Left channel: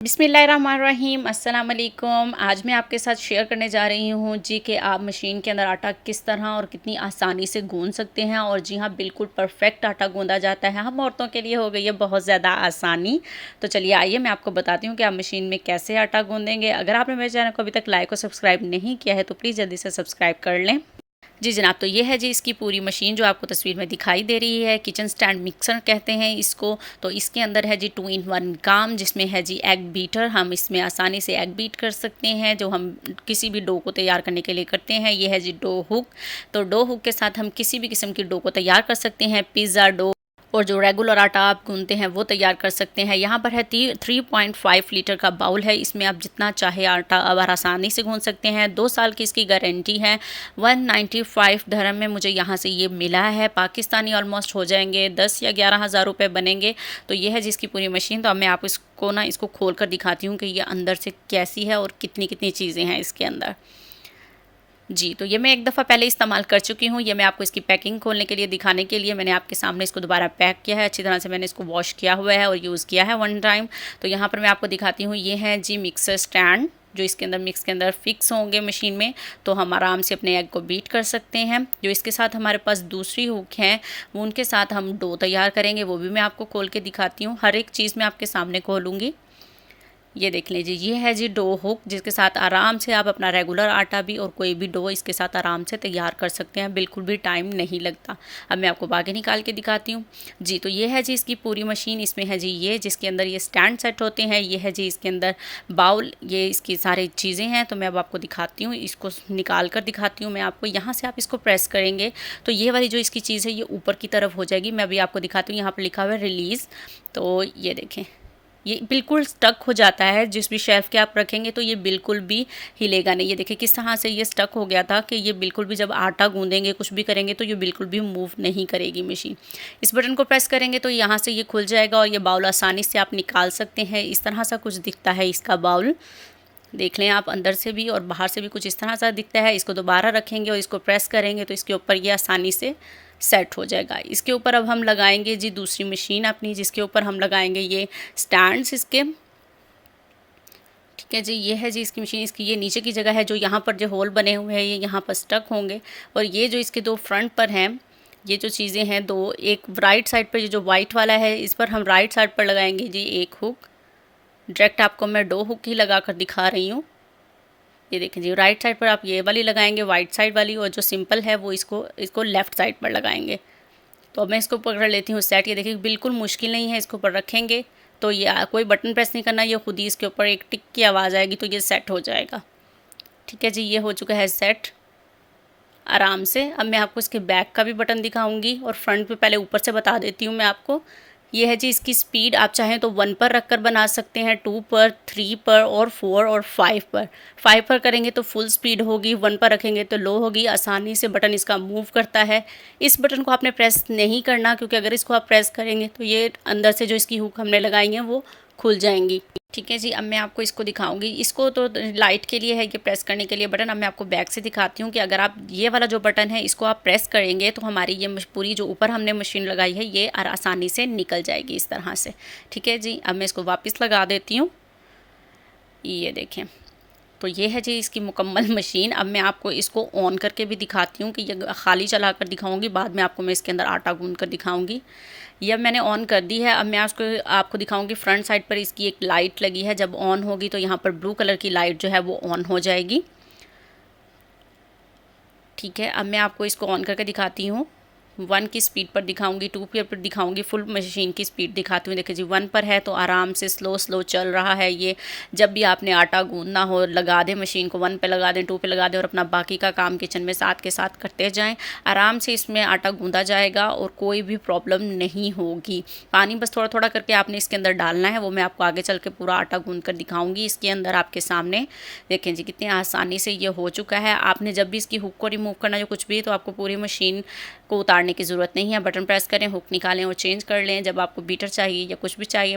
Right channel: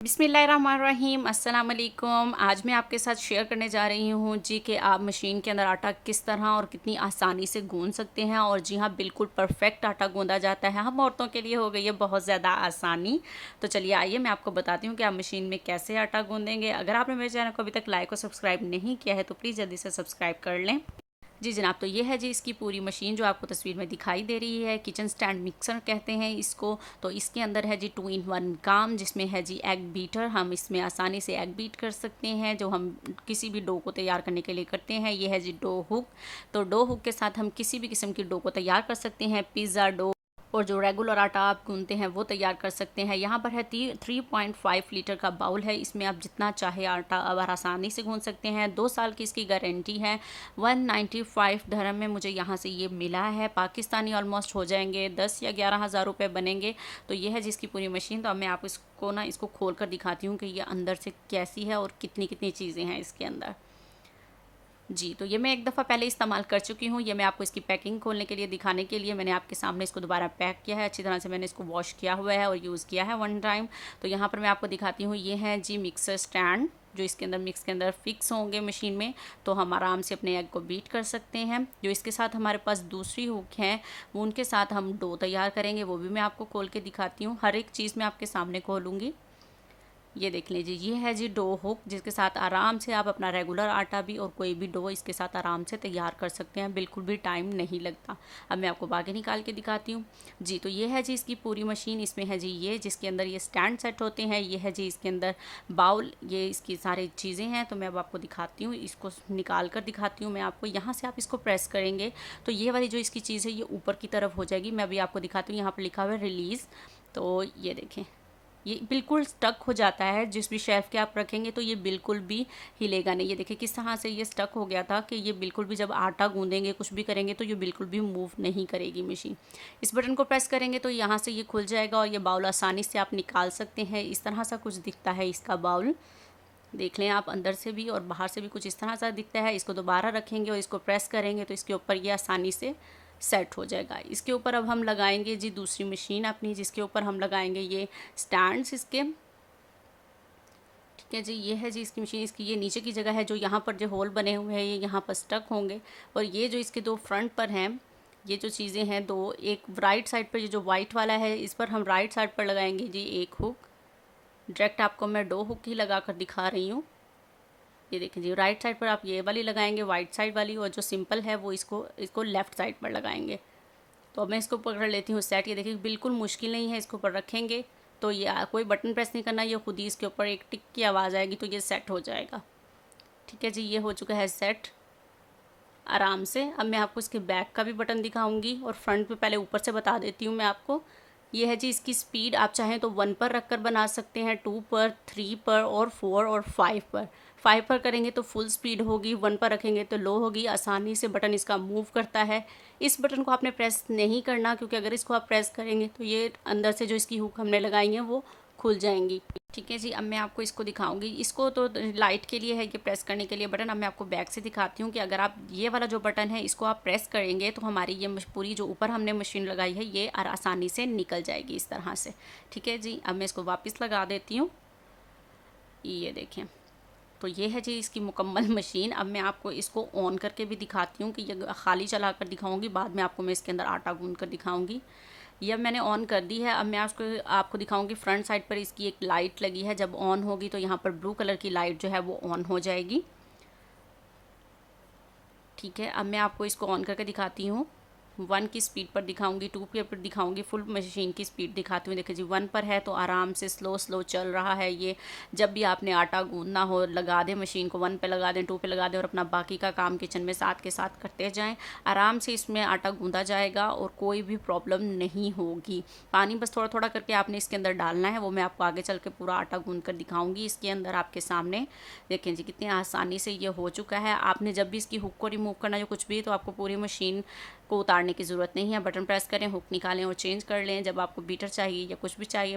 बिस्मिल्लाहिर्रहमानिर्रहीम अस्सलाम वालेकुम। आज मैं आपके साथ शेयर करने जा रही हूँ जी कि आप मशीन के अंदर आटा किस तरह और कितनी आसानी से गूंद सकते हैं। और जी हाँ, बिल्कुल परफेक्ट आटा गूंदा जाता है। हम औरतों के लिए हो गई है बहुत ज़्यादा आसानी। तो चलिए आइए मैं आपको बताती हूँ कि आप मशीन में कैसे आटा गूंदेंगे। अगर आपने मेरे चैनल को अभी तक लाइक और सब्सक्राइब नहीं किया है तो प्लीज़ जल्दी से सब्सक्राइब कर लें। जी जनाब, तो ये है जी इसकी पूरी मशीन जो आपको तस्वीर में दिखाई दे रही है। किचन स्टैंड मिक्सर कहते हैं इसको। तो इसके अंदर है जी 2 in 1 काम, जिसमें है जी एग बीटर। हम इसमें आसानी से एग बीट कर सकते हैं, जो हम किसी भी डो को तैयार करने के लिए करते हैं। ये है जी डो हुक। तो डो हुक के साथ हम किसी भी किस्म की डो को तैयार कर सकते हैं। पिज़्ज़ा डो और जो रेगुलर आटा आप गूंदते हैं वो तैयार कर सकते हैं। यहाँ पर है 3.5 लीटर का बाउल है। इसमें आप जितना चाहे आटा अब आसानी से गूंद सकते हैं। 2 साल की इसकी गारंटी है। 195 dirham में मुझे यहाँ से ये मिला है। पाकिस्तानी ऑलमोस्ट हो जाएंगे 10 या 11 हज़ार रुपये बनेंगे। तो ये है जिसकी पूरी मशीन। तो अब मैं आपको इसको खोल कर दिखाती हूँ कि ये अंदर से कैसी है और कितनी कितनी चीज़ें हैं इसके अंदर। जी, तो ये मैं एक दफ़ा पहले इस्तेमाल कर चुकी हूँ। ये मैं आपको इसकी पैकिंग खोलने के लिए दिखाने के लिए मैंने आपके सामने इसको दोबारा पैक किया है। अच्छी तरह से मैंने इसको वॉश किया हुआ है और यूज़ किया है 1 टाइम। तो यहाँ पर मैं आपको दिखाती हूँ, ये है जी मिक्सर स्टैंड, जो इसके अंदर मिक्स के अंदर फिक्स होंगे मशीन में। तो हम आराम से अपने एग को बीट कर सकते हैं। जो इसके साथ हमारे पास दूसरी हुक है, वो उनके साथ हम डो तैयार करेंगे। वो भी मैं आपको खोल के दिखाती हूँ। हर एक चीज़ मैं आपके सामने खोलूँगी। ये देख लीजिए, ये है जी डो हुक, जिसके साथ आराम से आप अपना रेगुलर आटा भी और कोई भी डो इसके साथ आराम से तैयार कर सकते हैं। बिल्कुल भी टाइम नहीं लगता। अब मैं आपको बाकी निकाल के दिखाती हूँ। जी, तो ये है जी इसकी पूरी मशीन। इसमें है जी ये, जिसके अंदर ये स्टैंड सेट होते हैं। ये है जी इसके अंदर बाउल, ये इसकी सारी चीज़ें हैं। तो मैं अब आपको दिखाती हूँ, इसको निकाल कर दिखाती हूँ मैं आपको। यहाँ से आप इसको प्रेस करेंगे तो ये वाली जो इसकी चीज़ है ये ऊपर की तरफ हो जाएगी। मैं अभी आपको दिखाती हूँ। यहाँ पर लिखा हुआ है रिलीज़। तो ये देखें, ये बिल्कुल स्टक हो जाता है। जिस भी शेल्फ़ के आप रखेंगे तो ये बिल्कुल भी हिलेगा नहीं। ये देखिए किस तरह से ये स्टक हो गया था कि ये बिल्कुल भी, जब आटा गूंदेंगे कुछ भी करेंगे तो ये बिल्कुल भी मूव नहीं करेगी मशीन। इस बटन को प्रेस करेंगे तो यहाँ से ये खुल जाएगा और ये बाउल आसानी से आप निकाल सकते हैं। इस तरह सा कुछ दिखता है इसका बाउल। देख लें आप, अंदर से भी और बाहर से भी कुछ इस तरह सा दिखता है। इसको दोबारा रखेंगे और इसको प्रेस करेंगे तो इसके ऊपर ये आसानी से सेट हो जाएगा। इसके ऊपर अब हम लगाएंगे जी दूसरी मशीन अपनी, जिसके ऊपर हम लगाएंगे ये स्टैंड्स इसके। ठीक है जी, ये है जी इसकी मशीन। इसकी ये नीचे की जगह है, जो यहाँ पर जो होल बने हुए हैं ये यहाँ पर स्टक होंगे। और ये जो इसके 2 फ्रंट पर हैं, ये जो चीज़ें हैं दो, एक राइट साइड पर ये जो वाइट वाला है, इस पर हम राइट साइड पर लगाएंगे जी एक हुक। डायरेक्ट आपको मैं 2 हुक ही लगा कर दिखा रही हूँ। ये देखें जी, राइट साइड पर आप ये वाली लगाएंगे, वाइट साइड वाली, और जो सिंपल है वो इसको लेफ़्ट साइड पर लगाएंगे। तो अब मैं इसको पकड़ लेती हूँ सेट। ये देखिए बिल्कुल मुश्किल नहीं है। इसके ऊपर रखेंगे तो ये कोई बटन प्रेस नहीं करना, ये खुद ही इसके ऊपर एक टिक की आवाज़ आएगी तो ये सेट हो जाएगा। ठीक है जी, ये हो चुका है सेट आराम से। अब मैं आपको इसके बैक का भी बटन दिखाऊंगी और फ्रंट पे पहले ऊपर से बता देती हूँ मैं आपको। ये है जी इसकी स्पीड। आप चाहें तो 1 पर रख कर बना सकते हैं, 2 पर, 3 पर और 4 और 5 पर। 5 पर करेंगे तो फुल स्पीड होगी, 1 पर रखेंगे तो लो होगी। आसानी से बटन इसका मूव करता है। इस बटन को आपने प्रेस नहीं करना, क्योंकि अगर इसको आप प्रेस करेंगे तो ये अंदर से जो इसकी हुक हमने लगाई है वो खुल जाएंगी। ठीक है जी, अब मैं आपको इसको दिखाऊंगी। इसको तो लाइट के लिए है ये प्रेस करने के लिए बटन। अब मैं आपको बैक से दिखाती हूँ कि अगर आप ये वाला जो बटन है इसको आप प्रेस करेंगे तो हमारी ये पूरी जो ऊपर हमने मशीन लगाई है ये आसानी से निकल जाएगी इस तरह से। ठीक है जी, अब मैं इसको वापस लगा देती हूँ। ये देखें, तो ये है जी इसकी मुकम्मल मशीन। अब मैं आपको इसको ऑन करके भी दिखाती हूँ कि ये खाली चला कर दिखाऊँगी, बाद में आपको मैं इसके अंदर आटा गूंद कर दिखाऊँगी। ये मैंने ऑन कर दी है। अब मैं आपको दिखाऊंगी फ्रंट साइड पर इसकी एक लाइट लगी है। जब ऑन होगी तो यहाँ पर ब्लू कलर की लाइट जो है वो ऑन हो जाएगी। ठीक है, अब मैं आपको इसको ऑन करके दिखाती हूँ। 1 की स्पीड पर दिखाऊंगी, 2 पर दिखाऊंगी, फुल मशीन की स्पीड दिखाती हूँ। देखिए जी 1 पर है तो आराम से स्लो स्लो चल रहा है ये। जब भी आपने आटा गूंदना हो लगा दें मशीन को, 1 पे लगा दें, 2 पे लगा दें और अपना बाकी का काम किचन में साथ के साथ करते जाएं। आराम से इसमें आटा गूंदा जाएगा और कोई भी प्रॉब्लम नहीं होगी। पानी बस थोड़ा थोड़ा करके आपने इसके अंदर डालना है, वो मैं आपको आगे चल के पूरा आटा गूंद कर दिखाऊँगी इसके अंदर आपके सामने। देखें जी कितनी आसानी से ये हो चुका है। आपने जब भी इसकी हुक को रिमूव करना जो कुछ भी, तो आपको पूरी मशीन को उतारने की ज़रूरत नहीं है। बटन प्रेस करें, हुक निकालें और चेंज कर लें जब आपको बीटर चाहिए या कुछ भी चाहिए।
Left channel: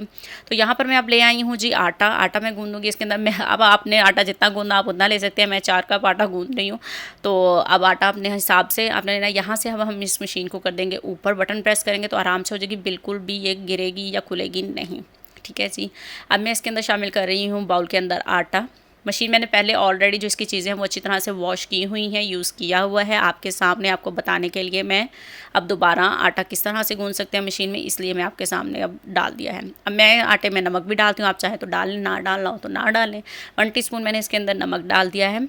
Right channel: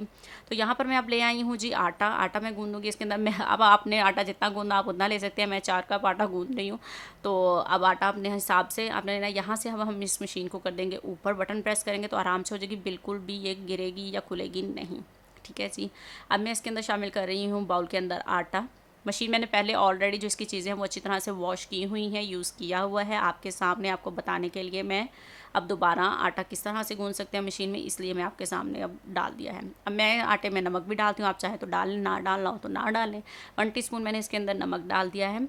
तो यहाँ पर मैं अब ले आई हूँ जी आटा मैं गूंदूँगी इसके अंदर। मैं अब आपने आटा जितना गूंदना आप उतना ले सकते हैं। मैं 4 कप आटा गूंद रही हूँ। तो अब आटा अपने हिसाब से आपने लेना। यहाँ से अब हम इस मशीन को कर देंगे ऊपर। बटन प्रेस करेंगे तो आराम से हो जाएगी, बिल्कुल भी ये गिरेगी या खुलेगी नहीं। ठीक है जी। अब मैं इसके अंदर शामिल कर रही हूँ बाउल के अंदर आटा। मशीन मैंने पहले ऑलरेडी जो इसकी चीज़ें हैं वो अच्छी तरह से वॉश की हुई हैं, यूज़ किया हुआ है आपके सामने, आपको बताने के लिए मैं अब दोबारा आटा किस तरह से गूंद सकते हैं मशीन में, इसलिए मैं आपके सामने अब डाल दिया है। अब मैं आटे में नमक भी डालती हूँ, आप चाहें तो डालें, ना डालना हो तो ना डालें। 1 टीस्पून मैंने इसके अंदर नमक डाल दिया है।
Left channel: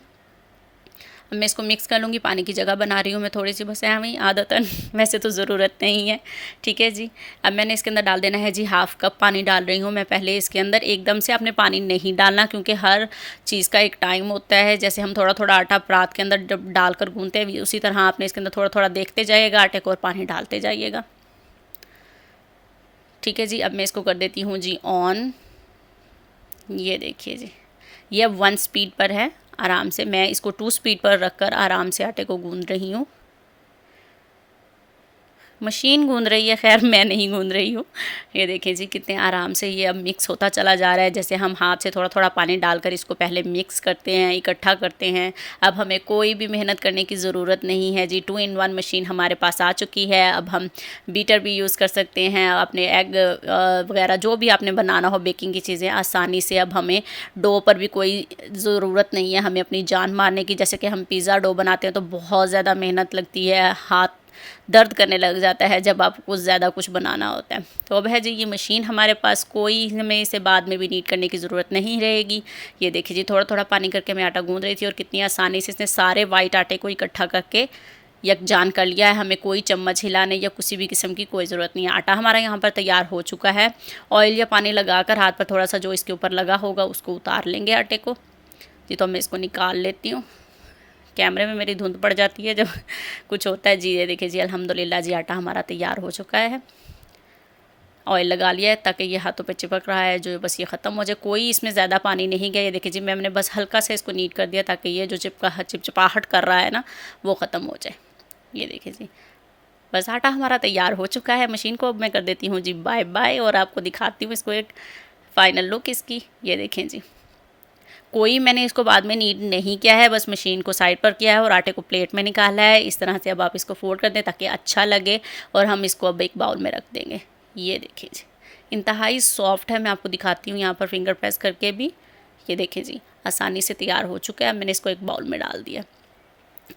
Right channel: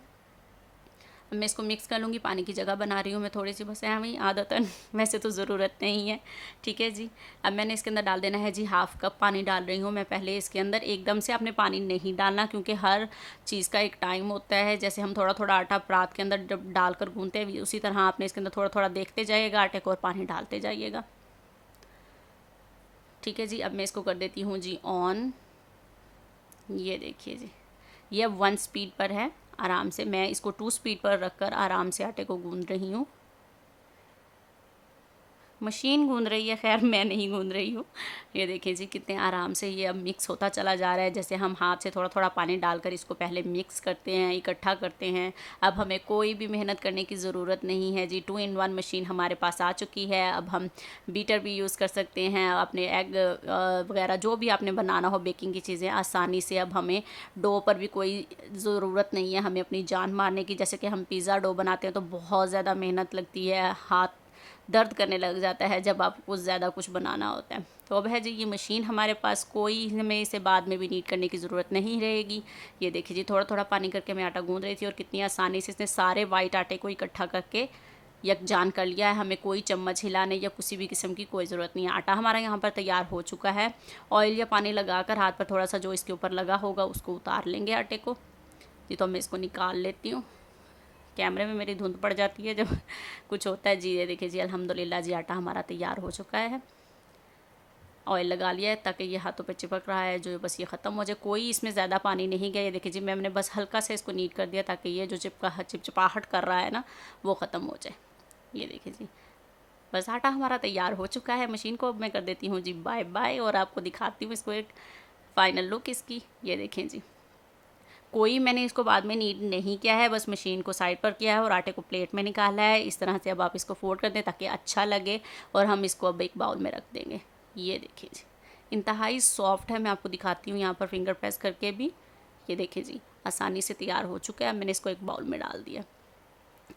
अब मैं इसको मिक्स कर लूँगी, पानी की जगह बना रही हूँ मैं थोड़ी सी, बस है वही आदतन वैसे तो ज़रूरत नहीं है, ठीक है जी। अब मैंने इसके अंदर डाल देना है जी 1/2 कप पानी डाल रही हूँ मैं पहले इसके अंदर। एकदम से आपने पानी नहीं डालना, क्योंकि हर चीज़ का एक टाइम होता है। जैसे हम थोड़ा थोड़ा आटा परात के अंदर जब डाल कर गूँथते हैं, उसी तरह आपने इसके अंदर थोड़ा थोड़ा देखते जाइएगा आटे को और पानी डालते जाइएगा, ठीक है जी। अब मैं इसको कर देती हूँ जी ऑन। ये देखिए जी, ये अब 1 स्पीड पर है। आराम से मैं इसको 2 स्पीड पर रखकर आराम से आटे को गूंद रही हूँ। मशीन गूंद रही है, खैर मैं नहीं गूंद रही हूँ। ये देखें जी कितने आराम से ये अब मिक्स होता चला जा रहा है। जैसे हम हाथ से थोड़ा थोड़ा पानी डालकर इसको पहले मिक्स करते हैं, इकट्ठा करते हैं। अब हमें कोई भी मेहनत करने की ज़रूरत नहीं है जी। 2 in 1 मशीन हमारे पास आ चुकी है। अब हम बीटर भी यूज़ कर सकते हैं, अपने एग वगैरह जो भी आपने बनाना हो बेकिंग की चीज़ें आसानी से। अब हमें डो पर भी कोई ज़रूरत नहीं है हमें अपनी जान मारने की। जैसे कि हम पिज़्ज़ा डो बनाते हैं तो बहुत ज़्यादा मेहनत लगती है, हाथ दर्द करने लग जाता है जब आप कुछ ज़्यादा कुछ बनाना होता है। तो अब है जी ये मशीन हमारे पास, कोई हमें इसे बाद में भी नीट करने की ज़रूरत नहीं रहेगी। ये देखिए जी थोड़ा थोड़ा पानी करके मैं आटा गूंद रही थी और कितनी आसानी से इसने सारे वाइट आटे को इकट्ठा करके यकजान कर लिया है। हमें कोई चम्मच हिलाने या किसी भी किस्म की कोई ज़रूरत नहीं है। आटा हमारा यहाँ पर तैयार हो चुका है। ऑयल या पानी लगाकर हाथ पर थोड़ा सा जो इसके ऊपर लगा होगा उसको उतार लेंगे आटे को जी। तो मैं इसको निकाल लेती हूँ, कैमरे में मेरी धुंध पड़ जाती है जब कुछ होता है जी। ये देखिए जी अल्हम्दुलिल्लाह जी आटा हमारा तैयार हो चुका है। ऑयल लगा लिया है ताकि ये हाथों पे चिपक रहा है जो, बस ये ख़त्म हो जाए। कोई इसमें ज़्यादा पानी नहीं गया। ये देखिए जी मैंने बस हल्का से इसको नीट कर दिया ताकि ये जो चिपचिपाहट कर रहा है ना वो ख़त्म हो जाए। ये देखिए जी बस आटा हमारा तैयार हो चुका है। मशीन को अब मैं कर देती हूँ जी बाय बाय और आपको दिखाती हूँ इसको एक फ़ाइनल लुक इसकी। ये देखें जी कोई मैंने इसको बाद में नीड नहीं किया है, बस मशीन को साइड पर किया है और आटे को प्लेट में निकाला है। इस तरह से अब आप इसको फोल्ड कर दें ताकि अच्छा लगे और हम इसको अब एक बाउल में रख देंगे। ये देखिए जी इंतहाई सॉफ्ट है। मैं आपको दिखाती हूँ यहाँ पर फिंगर प्रेस करके भी। ये देखिए जी आसानी से तैयार हो चुका है। मैंने इसको एक बाउल में डाल दिया।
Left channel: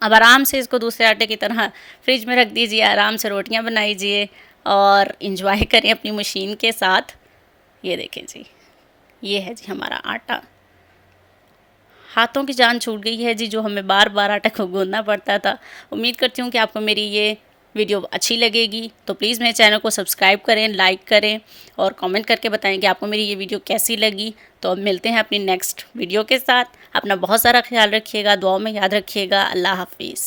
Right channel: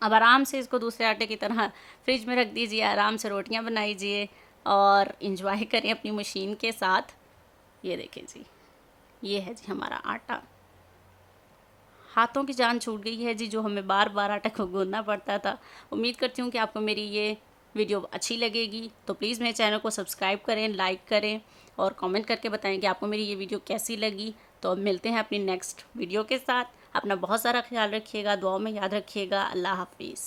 अब आराम से इसको दूसरे आटे की तरह फ्रिज में रख दीजिए, आराम से रोटियाँ बनाइए और इंजॉय करें अपनी मशीन के साथ। ये देखें जी ये है जी हमारा आटा। हाथों की जान छूट गई है जी, जो हमें बार बार आटा को गूंदना पड़ता था। उम्मीद करती हूँ कि आपको मेरी ये वीडियो अच्छी लगेगी, तो प्लीज़ मेरे चैनल को सब्सक्राइब करें, लाइक करें और कमेंट करके बताएं कि आपको मेरी ये वीडियो कैसी लगी। तो अब मिलते हैं अपनी नेक्स्ट वीडियो के साथ। अपना बहुत सारा ख्याल रखिएगा, दुआओं में याद रखिएगा। अल्लाह हाफिज़।